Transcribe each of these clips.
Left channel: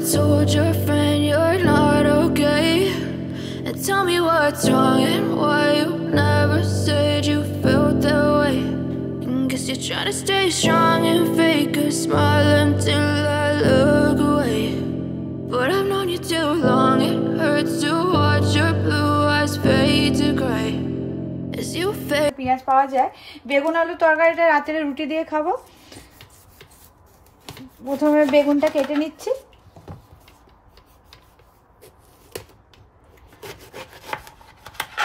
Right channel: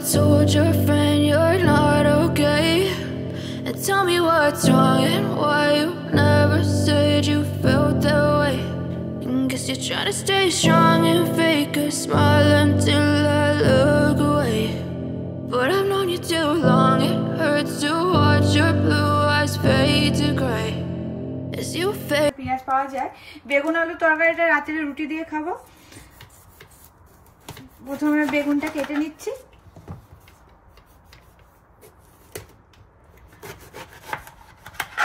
told your friend you're not okay? And tell me what's wrong and why you never said you felt that way. And guess you're trying to stay strong and fake a smile until I look away. But I've known you too long, it hurts to watch your blue eyes fade to grey as you fade. পেঁয়াজ পাওয়া যায়। বেগুন আলু তরকারিটা রাতের রুটি দিয়ে খাবো। প্রথমে বেগুনটা কেটে নিচ্ছি।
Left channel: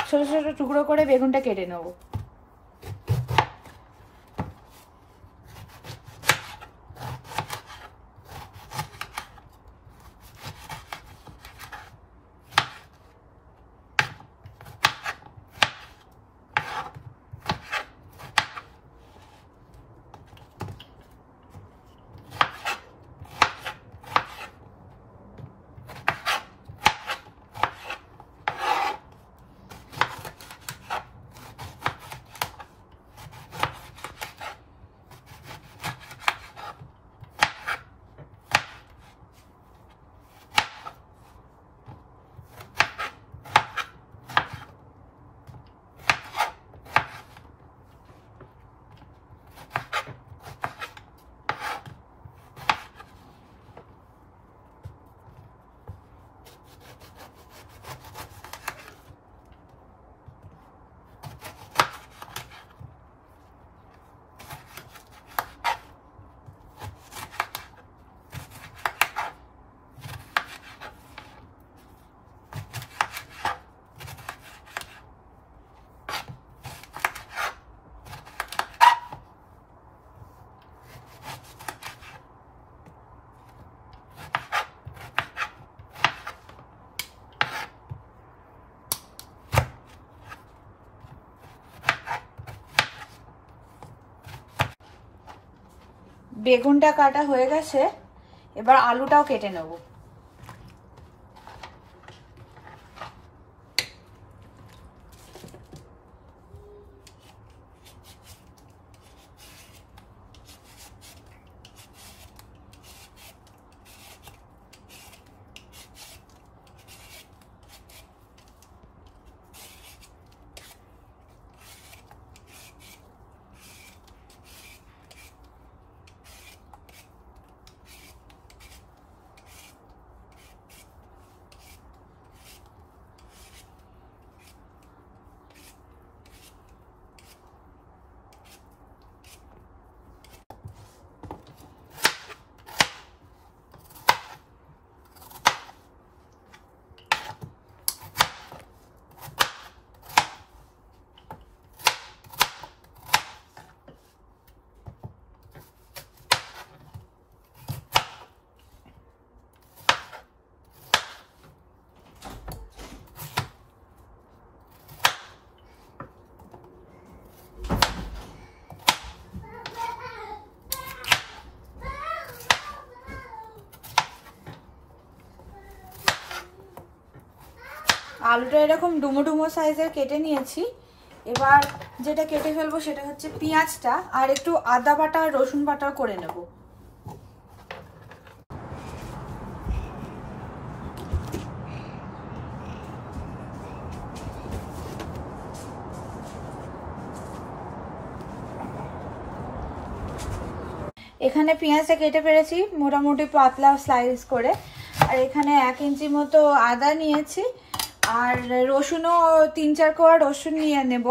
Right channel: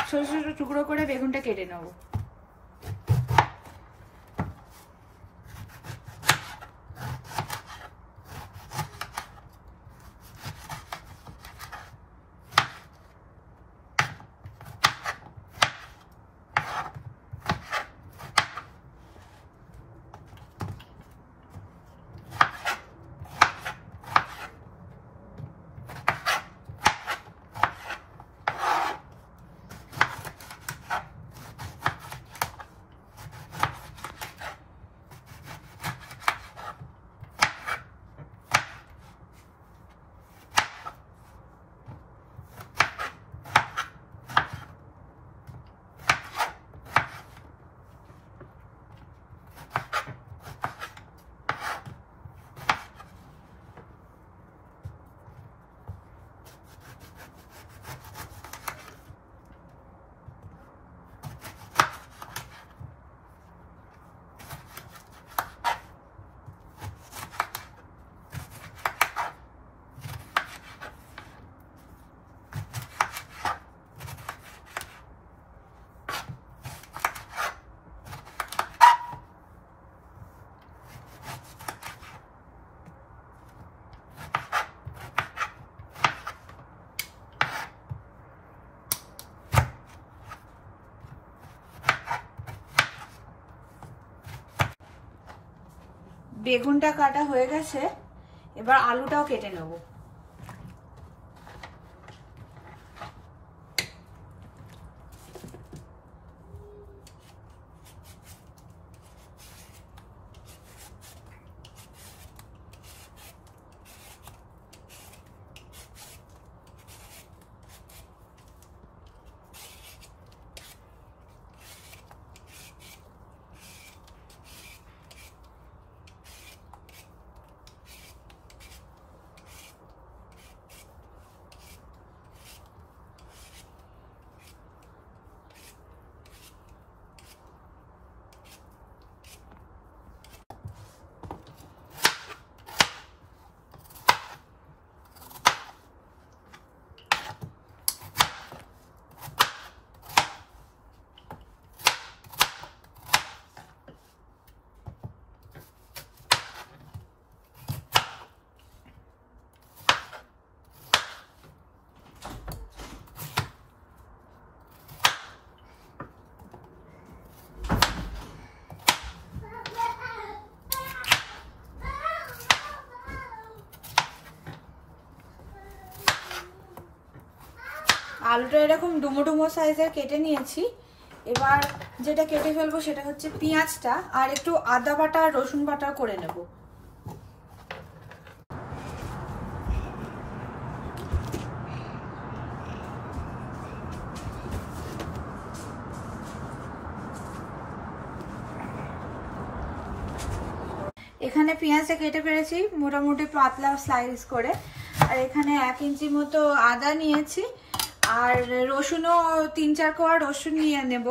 ছোট ছোট টুকরো করে বেগুনটা কেটে নেব। বেগুনটা কাটা হয়ে গেছে, এবার আলুটাও কেটে নেব। আলুটা এরকম ডুমো ডুমো সাইজের কেটে নিয়েছি। এবার যেটা কেটে ফেলবো সেটা হচ্ছে পেঁয়াজটা, আর একটু আদা বাটা আর রসুন বাটা করে নেব। এখানে পেঁয়াজটা কেটে ফেলেছি মোটামুটি পাতলা স্লাইস করে, আর এখানে 1 ইঞ্চি মতো আদা নিয়েছি, আর রসুনও 3-4 কোয়া রসুন নিয়ে নেব।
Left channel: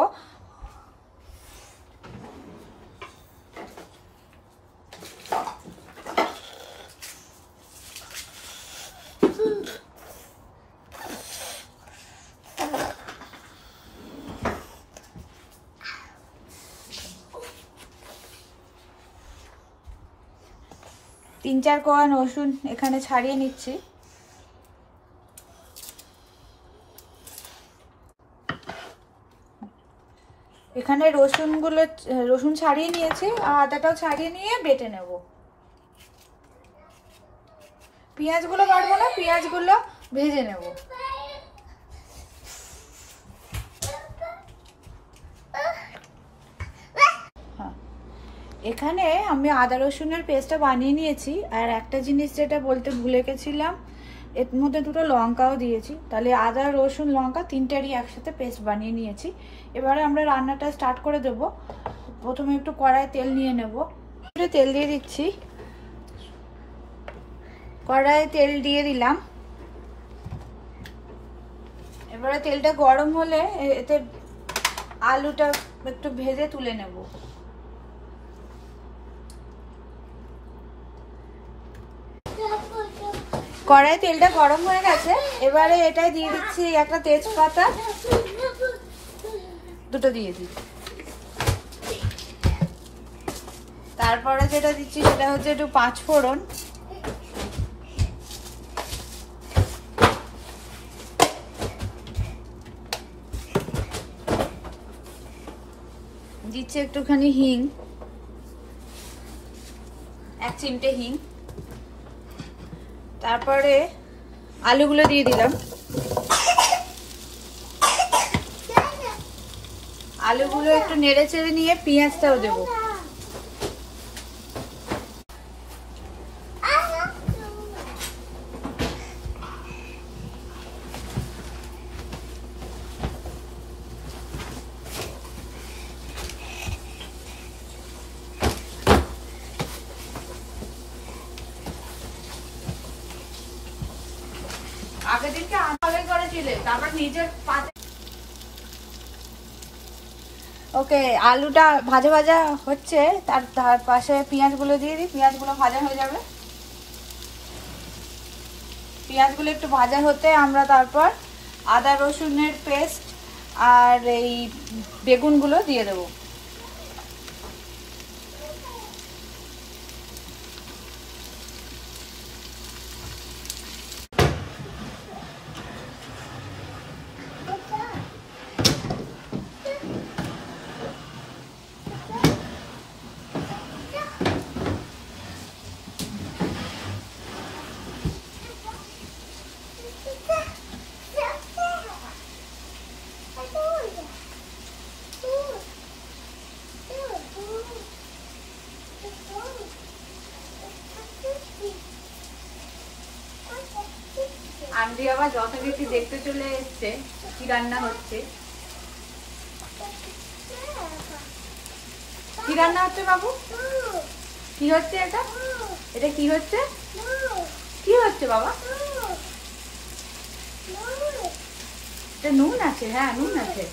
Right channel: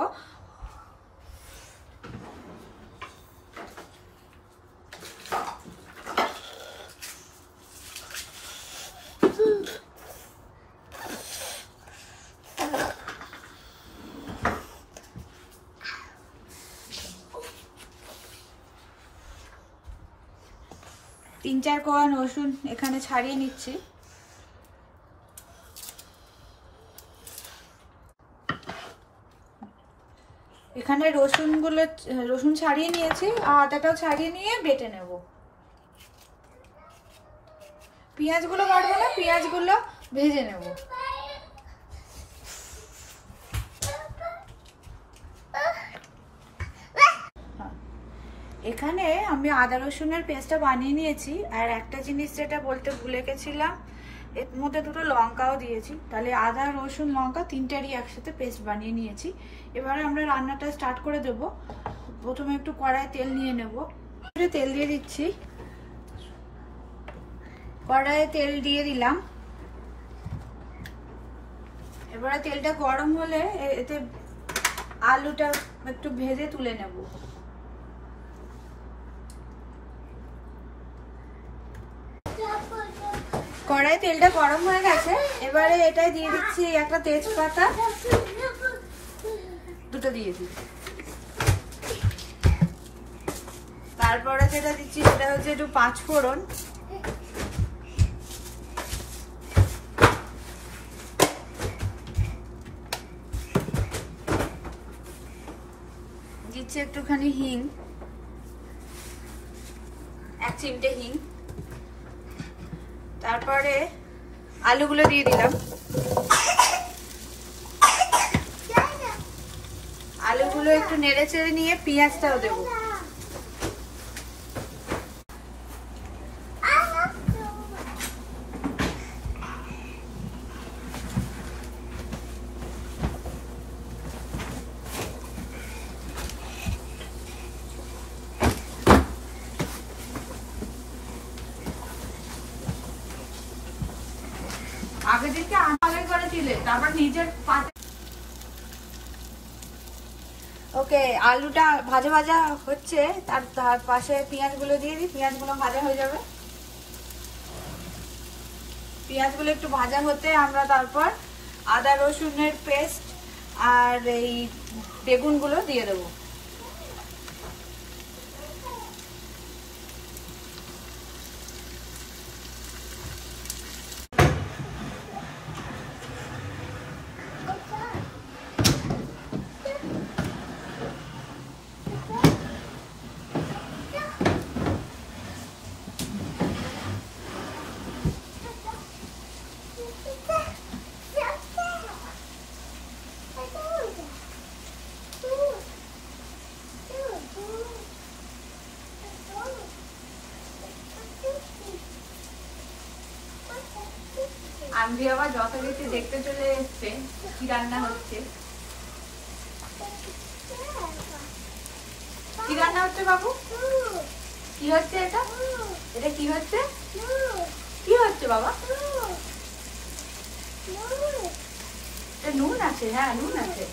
তিন চার কোয়া রসুন এখানে ছাড়িয়ে নিচ্ছি। এখানে রসুন ছাড়িয়ে নিয়েছি, আর আদাটাও ছাড়িয়ে নিয়ে বেটে নেব। পেঁয়াজগুলো বাটবো না, পেঁয়াজগুলো ভেজে নেব। এখানে আমি আদা রসুনের পেস্টটা বানিয়ে নিয়েছি। আর একটা জিনিস যেটা বলতে ভুলে গেছিলাম, এর মধ্যে দুটো লঙ্কাও দিয়েছি। তাহলে আদা রসুন লঙ্কা তিনটারই একসাথে পেস্ট বানিয়ে নিয়েছি। এবারে আমরা রান্নাটা স্টার্ট করে দেব। প্রথমে একটু কড়াই তেল নিয়ে নেব। তেল দিয়ে দিচ্ছি। কড়াইয়ে তেল দিয়ে দিলাম। এবারে তেলটা গরম হলে এতে আলুটা একটু ভেজে তুলে নেব। কড়াই তেলটা গরম হয়ে গেছে। এবারে এটাই দিয়ে দিচ্ছি একটা তেজপাতা, দুটো দিয়ে দিই। তারপরে যেটা দিচ্ছি সেটা হচ্ছে একটু 5 ফোড়ন, দিচ্ছি একটুখানি হিং, 1 চিমটে হিং। তারপরে আলুগুলো দিয়ে দিলাম। আলুগুলো একটু নেড়ে চেড়ে নিয়ে পেঁয়াজটাও দেবো। আগে দিনকে আগে করেছিলে, তারপর নিজের ওকে। আলুটা ভাজা ভাজা হচ্ছে, তার পাশে পেঁয়াজগুলো দিয়ে দিই। পেঁয়াজগুলো ভাজা হয়ে যাবে। পেঁয়াজগুলো একটু ভাজা হতে আমরা তারপর আদা রসুনের পেস্ট আর এই বেগুনগুলো দিয়ে দেবো। আন্টি আবার যত বেশি দেখতে চলে এসছে কি রান্না হচ্ছে। কি রান্না হচ্ছে বাবু? কি হচ্ছে এটা? এটা কি হচ্ছে? কি হচ্ছে বাবা? এটা নুন আছে? হ্যাঁ নুন আছে।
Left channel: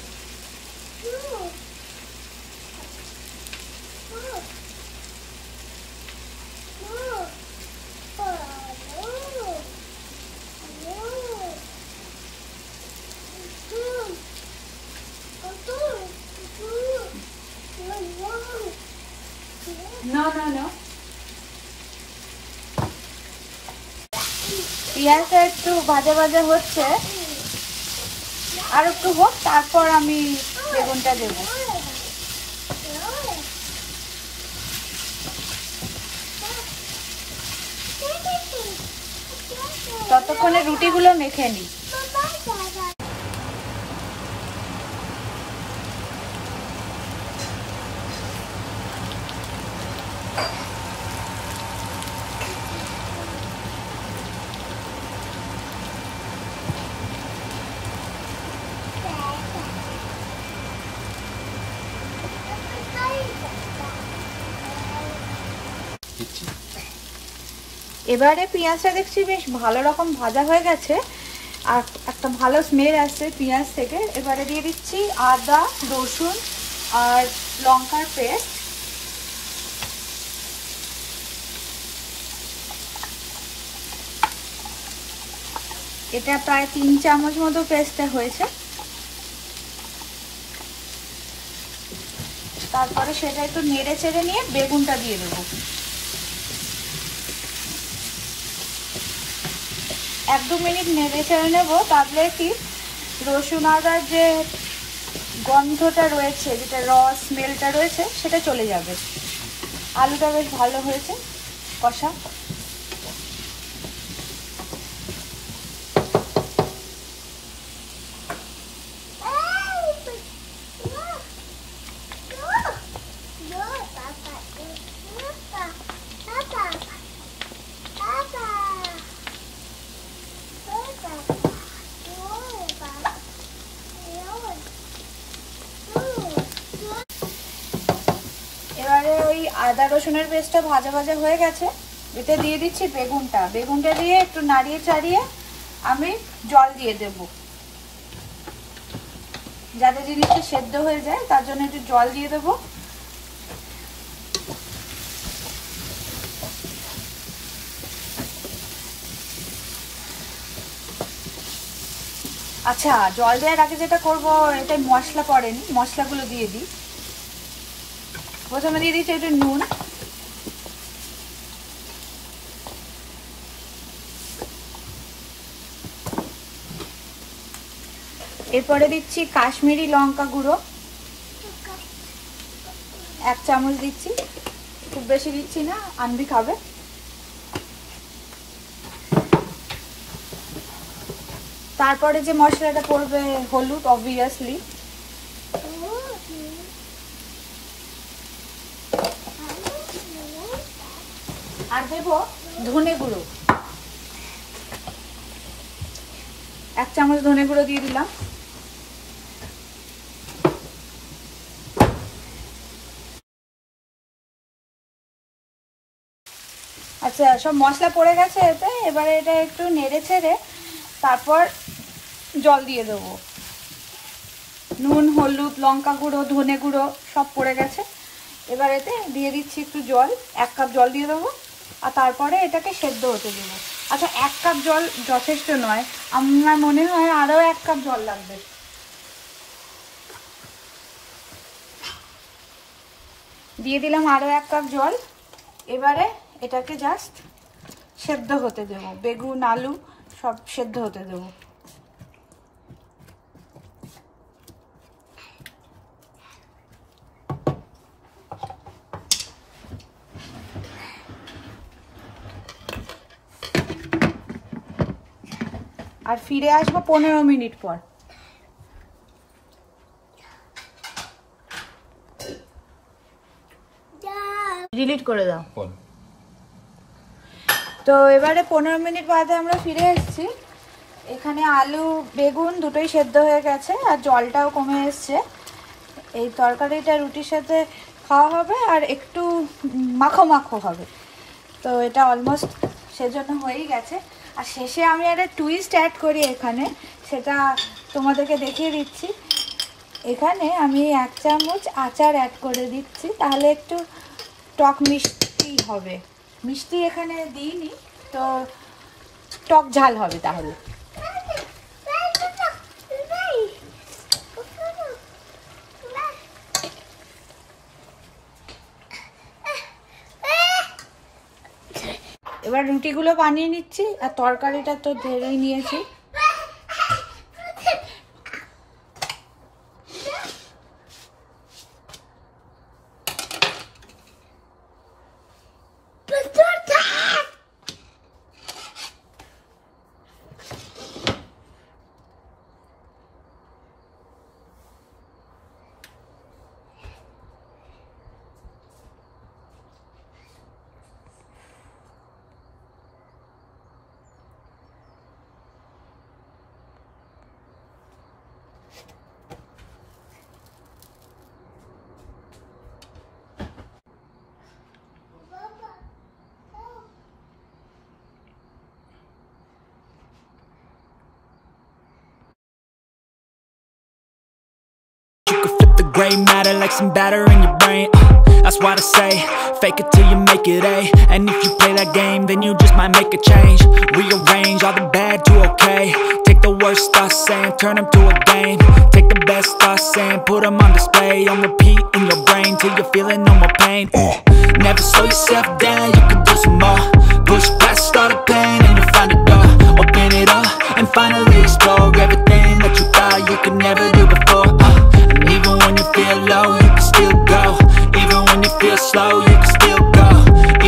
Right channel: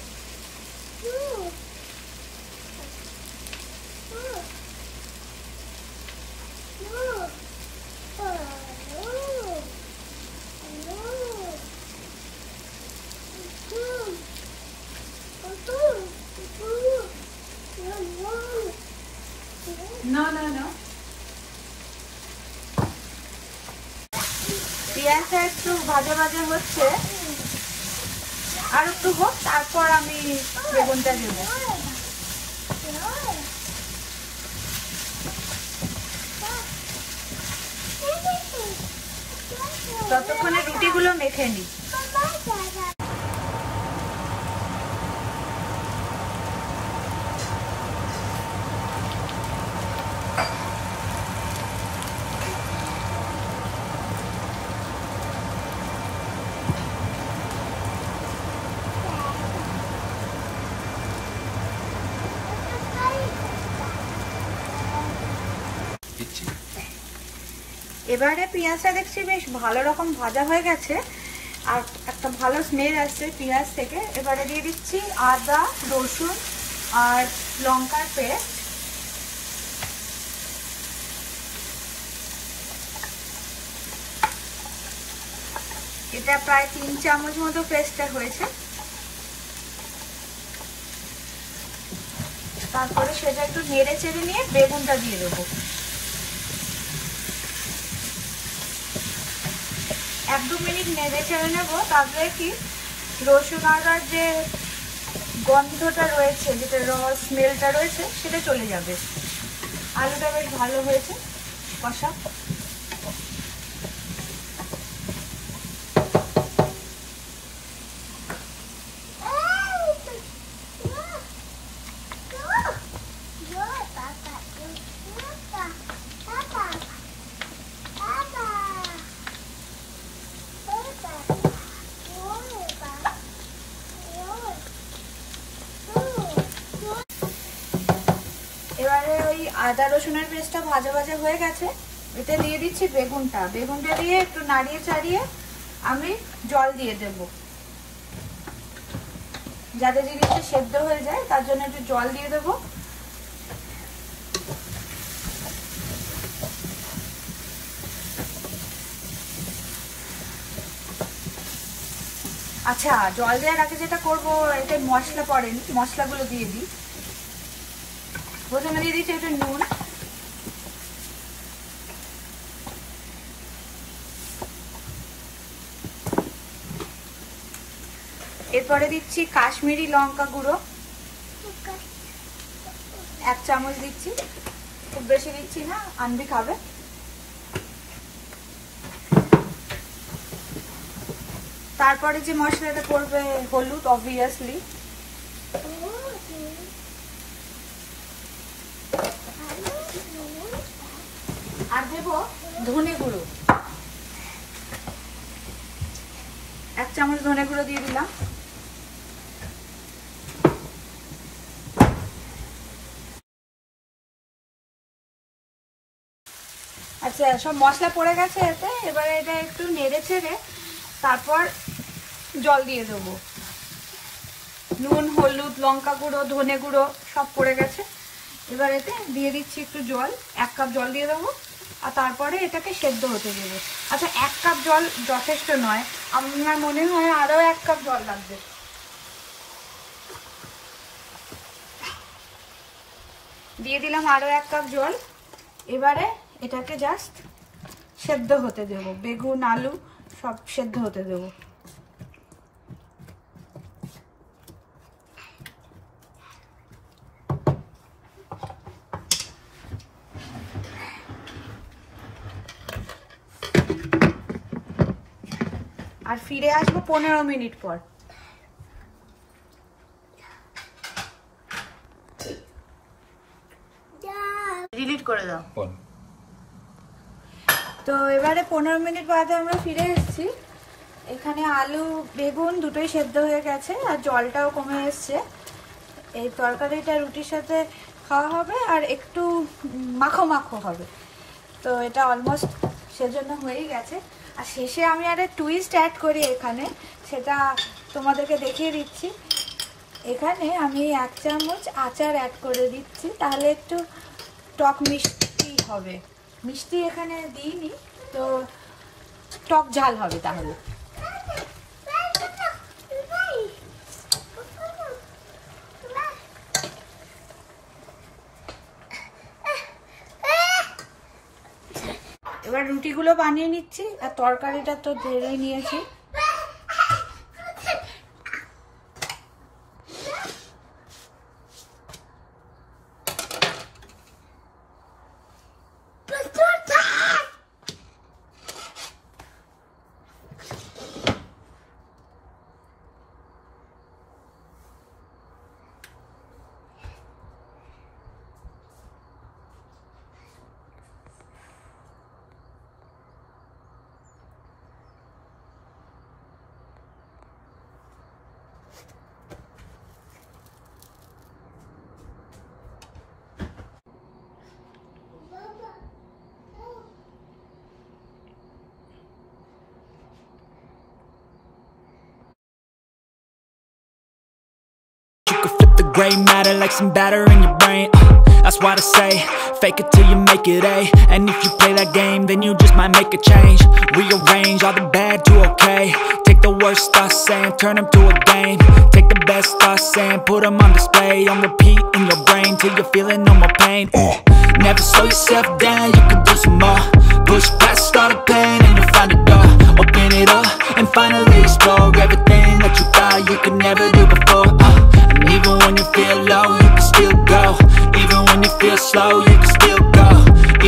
No, no, no. পেঁয়াজটা একটু ভাজা ভাজা হচ্ছে, আর একটু হোক, তারপর আমি বেগুনটা দেব। ততক্ষণে রুটিগুলো মেখে নিই। এবারে পেঁয়াজটা দেখছি বেশ ভালো রকম ভাজা হয়ে গেছে, আর একটা ভালো স্মেল আসছে পেঁয়াজ থেকে। এবারে দিয়ে দিচ্ছি আদা রসুন আর লঙ্কার পেস্ট। এটা প্রায় 3 চামচ মতো পেস্টটা হয়েছে। তারপরে সেটা একটু নেড়ে চেড়ে নিয়ে বেগুনটা দিয়ে দেবো। 1-2 মিনিট নেড়ে চেড়ে নেবো। তারপরে কি রসুন আদার যে গন্ধটা রয়েছে, যেটা র স্মেলটা রয়েছে, সেটা চলে যাবে। আলুটা বেশ ভালো হয়েছে কষা। আদা রসুনের পেস্টটা ভাজা ভাজা হয়ে গেছে। এতে দিয়ে দিচ্ছি বেগুনটা। বেগুনটা দিয়ে একটু নাড়িয়ে চাড়িয়ে আমি জল দিয়ে দেব, যাতে জিনিসটা সেদ্ধ হয়ে যায়, তার জন্য একটু জল দিয়ে দেব। আচ্ছা, জল দেওয়ার আগে যেটা করবো, এটা মশলা পড়েনি, মশলাগুলো দিয়ে দিই। প্রথমে দিয়ে দিচ্ছি একটু নুন, এরপরে দিচ্ছি কাশ্মীরি লঙ্কা গুঁড়ো 1 চামচ দিচ্ছি, খুব বেশি দিচ্ছি না, আনবি খাবে। তারপরে যে মশলাটা পড়বে হলুদ, অবভিয়াসলি। আর দেব ধনে গুঁড়ো, 1 চামচ ধনে গুঁড়ো দিয়ে দিলাম। আচ্ছা, সব মশলা পড়ে গেছে এতে। এবারে এটা একটু নেড়ে ছেড়ে তারপর জল দিয়ে দেবো। নুন, হলুদ, লঙ্কা গুঁড়ো, ধনে গুঁড়ো সব পড়ে গেছে। এবার এতে দিয়ে দিচ্ছি একটু জল, 1 কাপ জল দিয়ে দেবো, আর তারপরে এটাকে সেদ্ধ হতে দেবো। আচ্ছা, 1 কাপ জল যথেষ্ট নয়, আমার মনে হয় আরও 1 কাপ জল লাগবে। দিয়ে দিলাম আরও 1 কাপ জল। এবারে এটাকে জাস্ট সেদ্ধ হতে দেবো, বেগুন আলু সব সেদ্ধ হতে দেবো। আর ফিরে আসবো 15 মিনিট পর। ডিলিট করে দাও। তো এবারে 15 মিনিট বাদে আমরা ফিরে এসেছি। এখানে আলু বেগুন দুটোই সেদ্ধ হয়ে গেছে আর জলটাও কমে এসছে। এই তরকারিটা রুটির সাথে খাওয়া হবে আর একটু মাখো মাখো হবে। তো এটা অলমোস্ট সেজন্য হয়েই গেছে। আর শেষে আমি একটা টুইস্ট অ্যাড করি এখানে, সেটা তোমাদেরকে দেখিয়ে দিচ্ছি। এখানে আমি 1 চামচ আচার অ্যাড করে দিচ্ছি, তাহলে একটু টক মিষ্টি হবে। মিষ্টি এখানে দিইনি, তো টক ঝাল হবে তাহলে। এবার রুটিগুলো বানিয়ে নিচ্ছি, আর তরকারিটা তো ঢেলেই নিয়েছি। Gray matter like some batter in your brain. That's why I say, fake it till you make it A. And if you play that game, then you just might make a change. Rearrange all the bad to okay. Take the worst thoughts saying, turn them to a game. Take the best thoughts saying, put them on display. On repeat in your brain till you're feeling no more pain. Never slow yourself down, you can do some more. Push past all the pain and you'll find a door. Open it up and finally explore everything that you thought you could never do before. And even when you feel low, you can still go. Even when you feel slow, you can still go.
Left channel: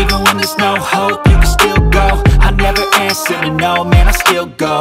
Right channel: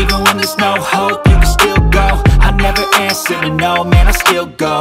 Even when there's no hope, you can still go. I never answer to no, man, I still go.